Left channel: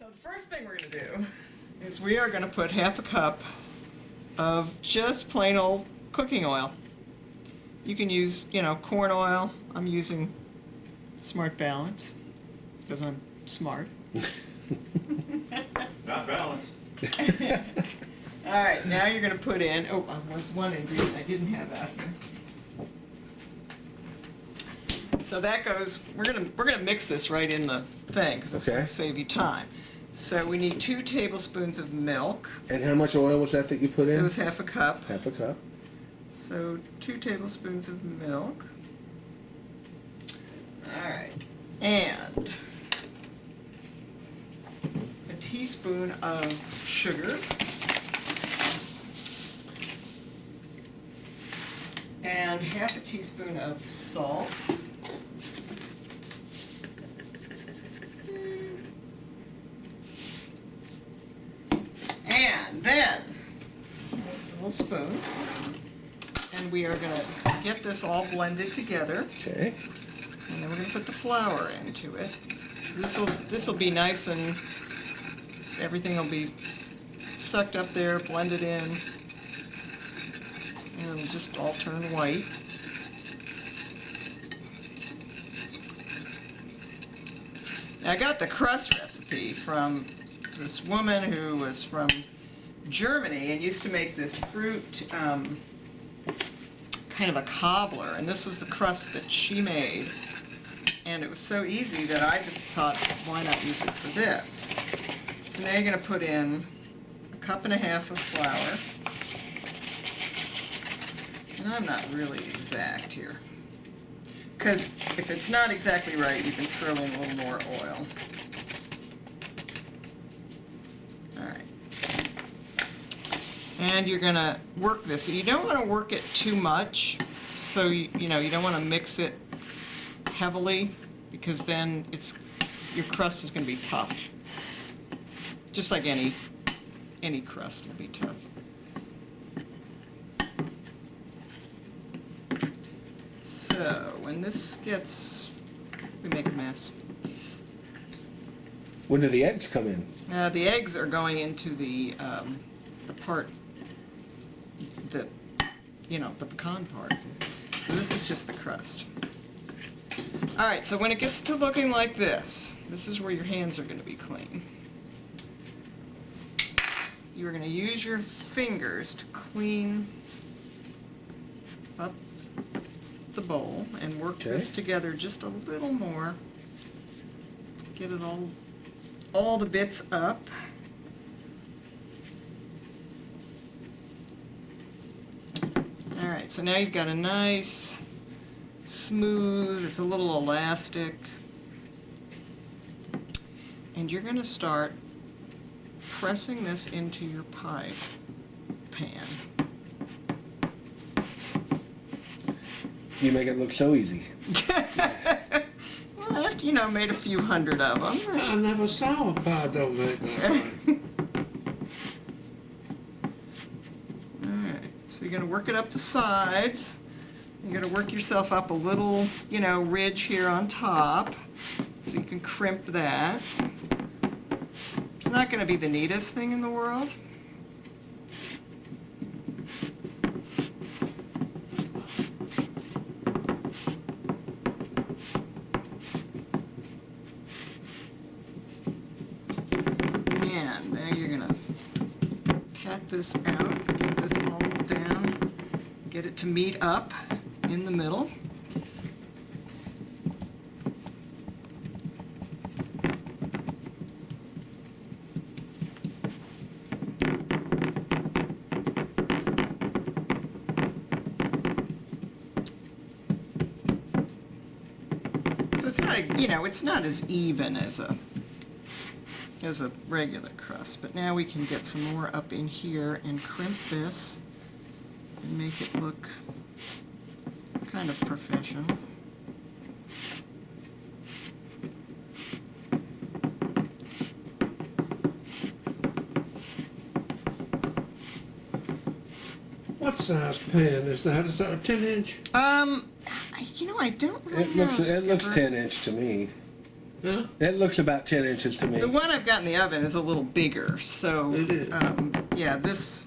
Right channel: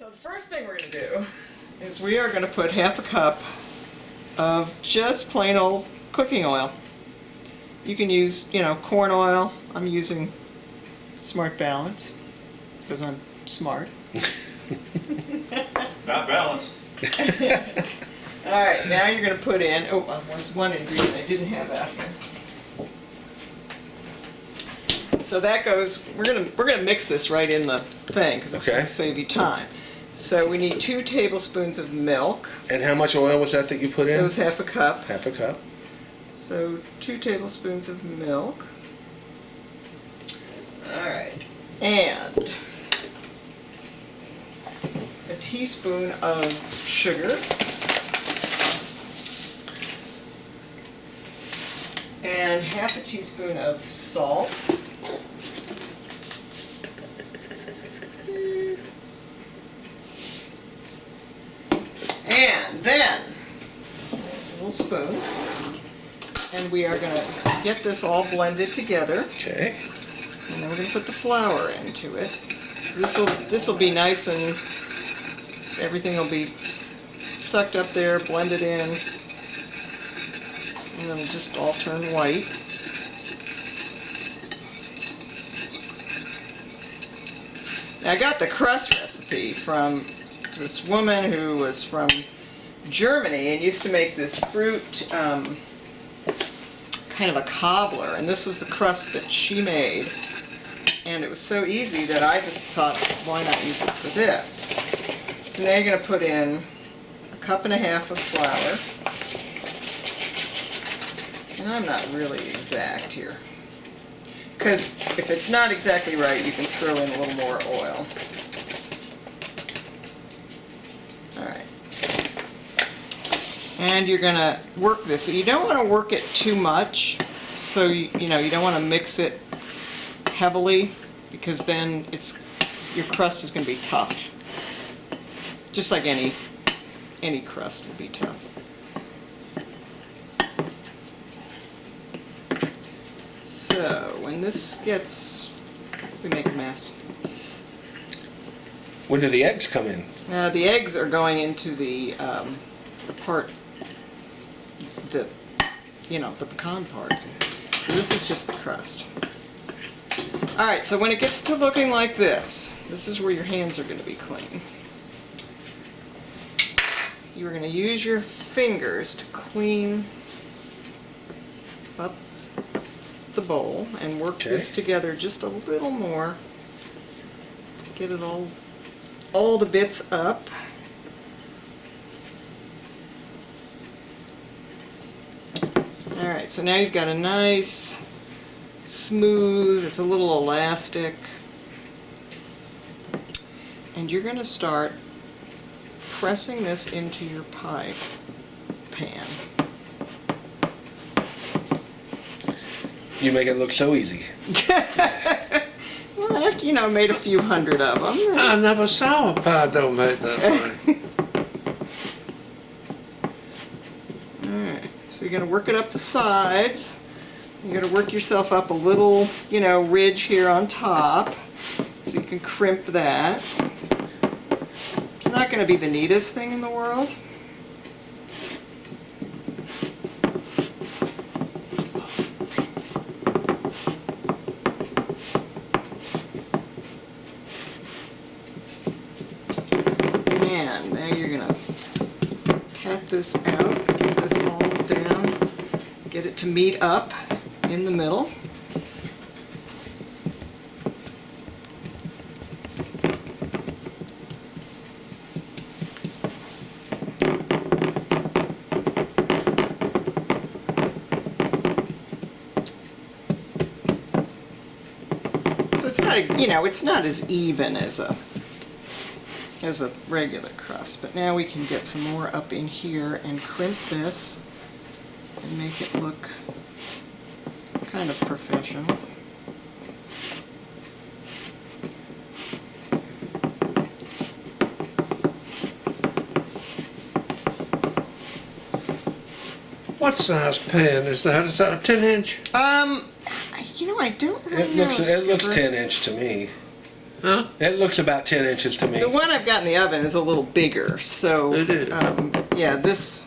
So the first thing we're going to do is we are going to put half a cup of just plain old cooking oil. You can use, corn oil. I'm using Smart Balance because I'm smart. Not balanced. All right, now you're going to put in, there's one ingredient I didn't have out here. So that goes, we're gonna mix this right in the thing because it's going to save you time. So we need 2 tablespoons of milk. And how much oil was that you put in? It was half a cup. Half a cup. So 2 tablespoons of milk. All right, and a teaspoon of sugar. And half a teaspoon of salt. And then a little spoon. And we are going to get this all blended together. Okay. And then we're going to put the flour into it. So this will be nice and everything will be sucked up there, blended in. And then it'll just all turn white. Now I got the crust recipe from this woman who was from Germany and used to make this fruit kind of a cobbler, and this was the crust that she made, and it was so easy that I just thought, why not use it for this? So now you're going to put in a cup and a half of flour, and I'm not really exact here, because if it's not exactly right, you can throw in a little more oil. Alright. And you're going to work this. So you don't want to work it too much, so you don't want to mix it heavily, because then your crust is going to be tough. Just like any crust will be tough. So when this gets, we make a mess. When do the eggs come in? The eggs are going into the part, the pecan part. So this is just the crust. All right, so when it gets to looking like this is where your hands are going to be clean. You are going to use your fingers to clean up the bowl and work this together just a little more. Get it all the bits up. Alright, so now you've got a nice, smooth, it's a little elastic, and you're going to start pressing this into your pie pan. You make it look so easy. Well, after, made a few hundred of them. I never saw a pie don't make that way. Alright, so you're going to work it up the sides. You're going to work yourself up a little, ridge here on top, so you can crimp that. It's not going to be the neatest thing in the world. And now you're going to pat this out, get this all down, get it to meet up in the middle. So it's not, it's not as even as a regular crust, but now we can get some more up in here and crimp this and make it look kind of professional. What size pan is that? Is that a 10-inch? I don't really know. It looks 10-inch to me. Huh? It looks about 10 inches to me. The one I've got in the oven is a little bigger, so It is. yeah, this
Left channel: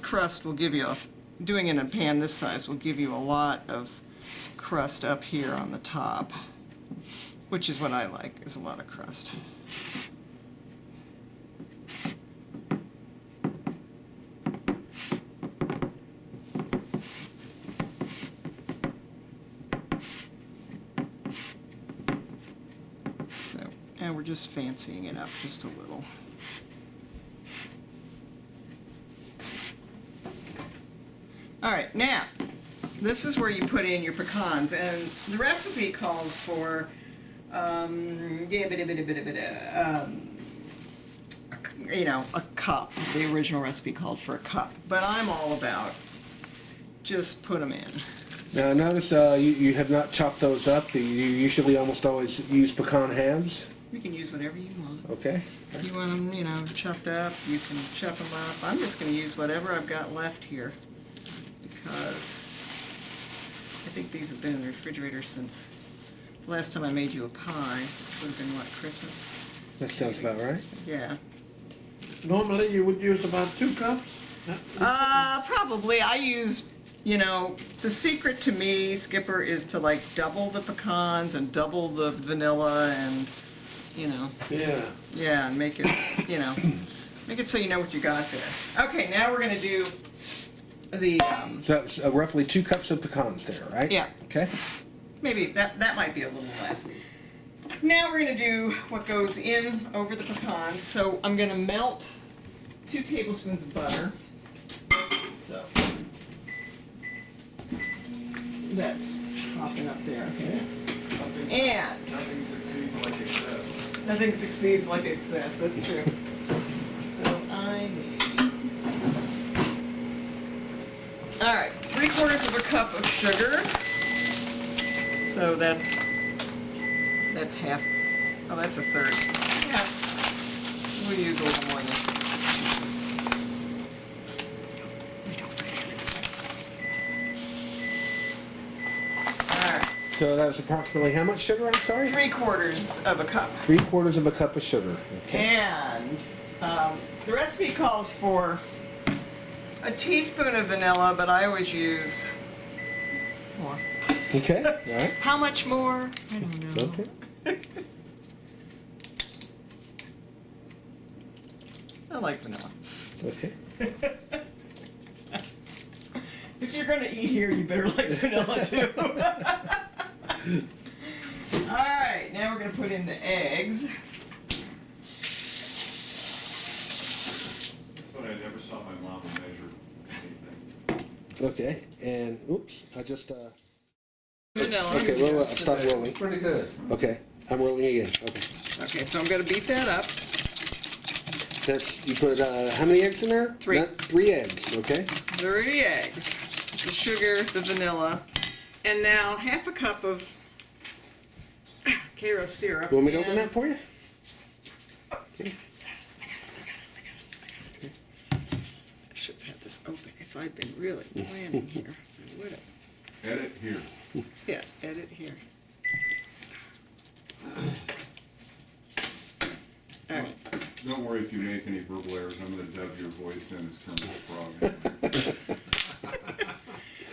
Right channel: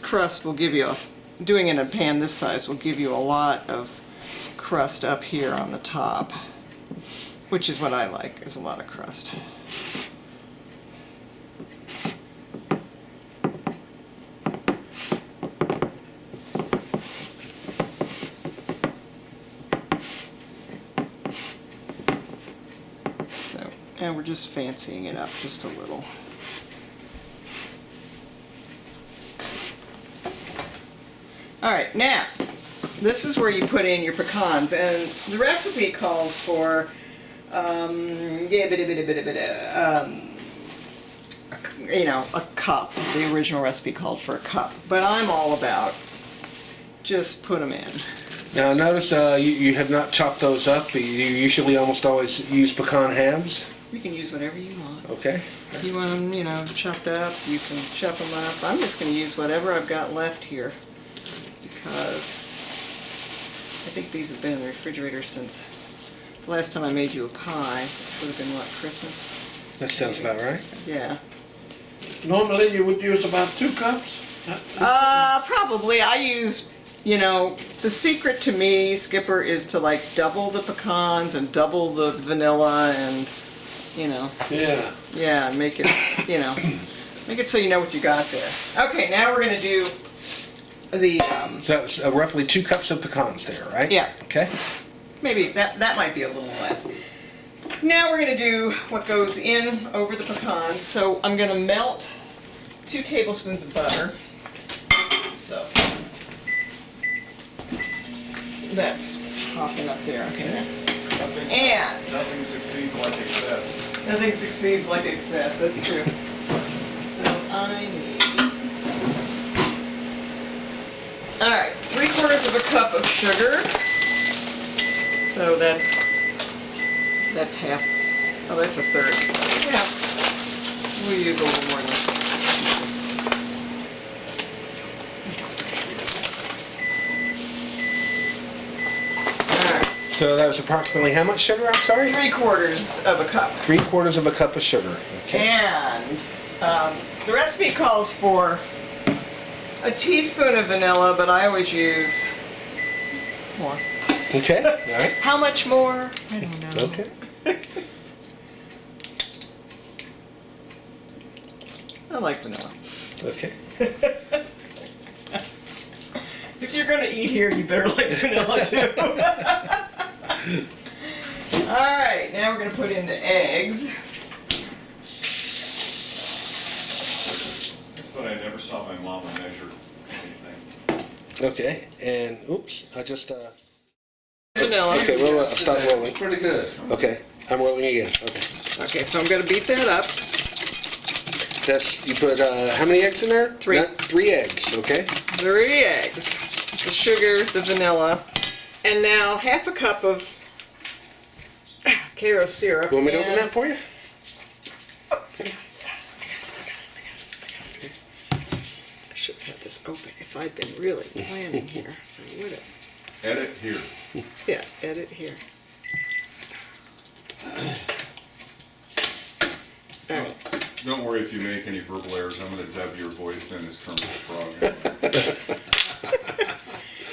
crust will give you doing it in a pan this size will give you a lot of crust up here on the top, which is what I like, is a lot of crust. So, and we're just fancying it up just a little. All right, now, this is where you put in your pecans, and the recipe calls for, you know, a cup. The original recipe called for a cup, but I'm all about just put them in. Now notice you have not chopped those up. You usually almost always use pecan halves. You can use whatever you want. Okay. If you want them, you know, chopped up, you can chop them up. I'm just going to use whatever I've got left here, because I think these have been in the refrigerator since the last time I made you a pie, which would have been, what, Christmas? That sounds about right. Yeah. Normally you would use about 2 cups. Probably. I use, you know, the secret to me, Skipper, is to like double the pecans and double the vanilla and, you know, Yeah. and make it, you know, make it so you know what you got there. Okay, now we're going to do the, So it's, roughly 2 cups of pecans there, right? yeah. Okay. Maybe that might be a little less. Now we're going to do what goes in over the pecans. So I'm going to melt 2 tablespoons of butter. So that's popping up there. Okay. And Nothing succeeds like excess. nothing succeeds like excess. That's true. So I need. All right, 3/4 of a cup of sugar. So that's half. Oh, that's a third. Yeah, we'll use a little more than this. All right, So that was approximately how much sugar? I'm sorry. 3/4 of a cup. 3/4 of a cup of sugar. Okay. And the recipe calls for a teaspoon of vanilla, but I always use more. Okay. All right. How much more? I don't know. Okay. I like vanilla. Okay. If you're going to eat here, you better like vanilla too. All right, now we're going to put in the eggs. That's what I never saw my mama measure anything. Okay. And oops, I just. Vanilla. Okay. Well, I'll stop rolling. Pretty good. Okay. I'm rolling again. Okay. Okay, so I'm going to beat that up. That's you put how many eggs in there? 3. 3 eggs. Okay. 3 eggs, the sugar, the vanilla, and now half a cup of Karo syrup. You want me to open that for you? I should have had this open. If I'd been really planning here, I would have. Edit here. Yeah, edit here. All right. Don't worry if you make any verbal errors. I'm going to dub your voice in as Kermit the Frog.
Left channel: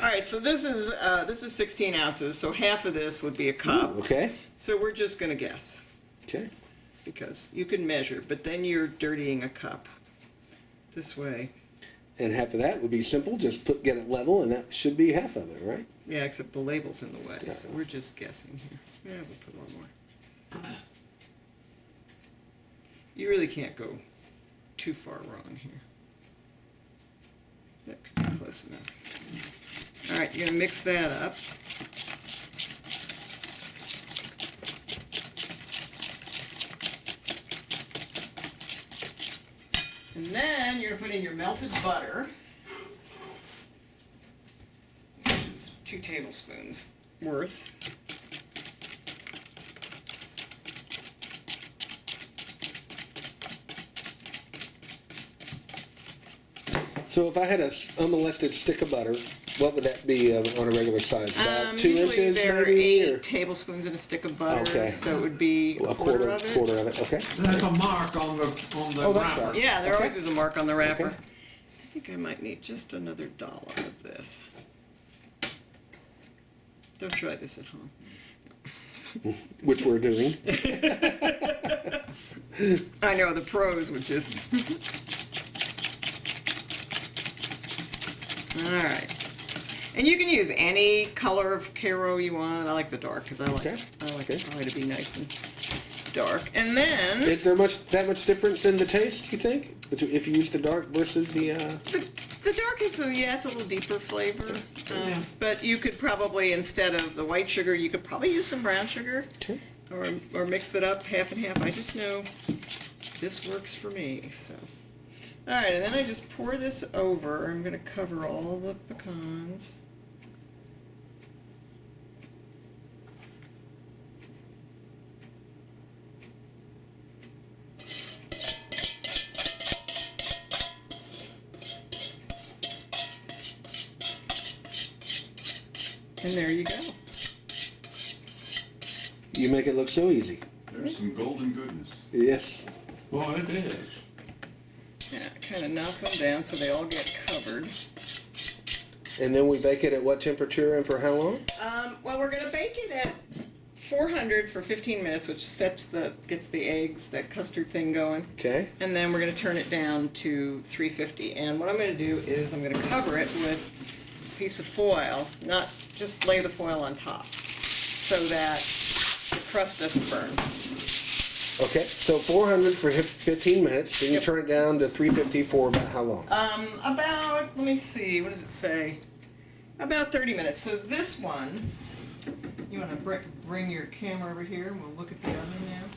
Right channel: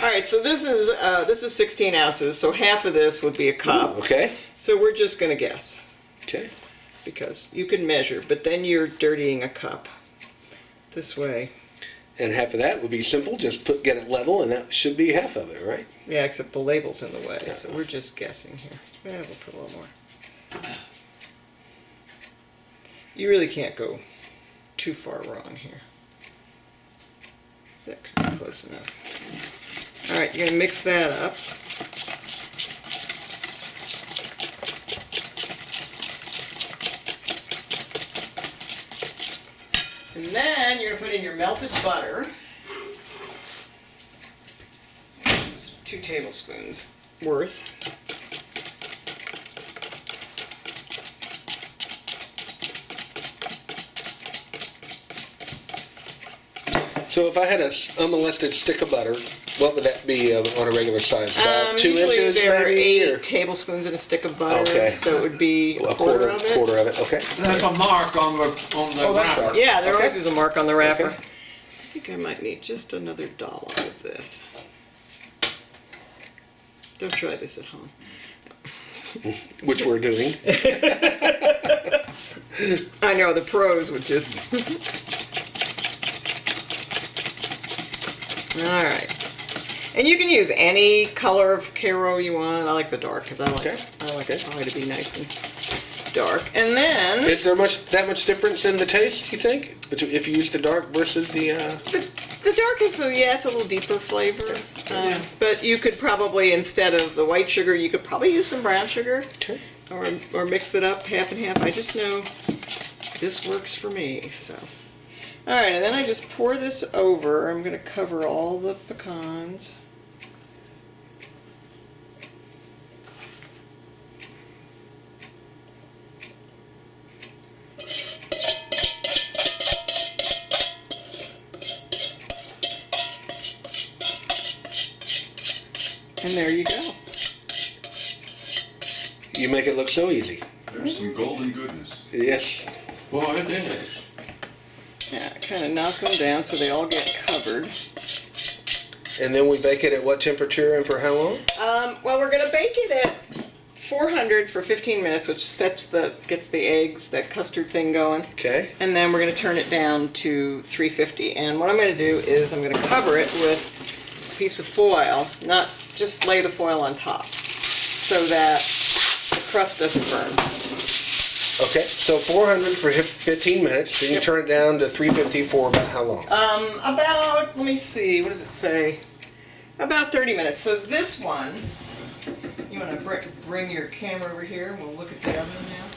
All right, so this is 16 ounces, so half of this would be a cup. Okay. So we're just going to guess, Okay. because you can measure, but then you're dirtying a cup. This way. And half of that would be simple. Just get it level, and that should be half of it, right? Yeah, except the label's in the way, Yeah. so we're just guessing here. Yeah, we'll put a little more. You really can't go too far wrong here. That could be close enough. All right, you're going to mix that up. And then you're going to put in your melted butter. Just 2 tablespoons worth. So if I had a unmolested stick of butter, What would that be on a regular size? About 2 Usually inches, there are maybe? 8 or tablespoons in a stick of butter, Okay. so it would be a quarter of it. Quarter of it. Okay. There's a mark on the Oh, that's wrapper. right. Yeah, there Okay. always is a mark on the wrapper. Okay. I think I might need just another dollop of this. Don't try this at home. Which we're doing. I know, the pros would just... Alright. And you can use any color of Caro you want. I like the dark, because I like it probably to be nice and dark. And then... Is there that much difference in the taste, you think? If you use the dark versus the... The dark is, it's a little deeper flavor. Yeah. But you could probably, instead of the white sugar, you could probably use some brown sugar. Okay. Or mix it up half and half. I just know this works for me, so. Alright, and then I just pour this over. I'm going to cover all the pecans. And there you go. You make it look so easy. There's some golden goodness. Yes. Boy, it is. Yeah, kind of knock them down so they all get covered. And then we bake it at what temperature and for how long? Well, we're going to bake it at 400 for 15 minutes, which gets the eggs, that custard thing going. Okay. And then we're going to turn it down to 350. And what I'm going to do is I'm going to cover it with a piece of foil, not just lay the foil on top, so that the crust doesn't burn. Okay, so 400 for 15 minutes, then you turn it down to 350 for about how long? About, let me see, what does it say? About 30 minutes. So this one, you want to bring your camera over here and we'll look at the oven now?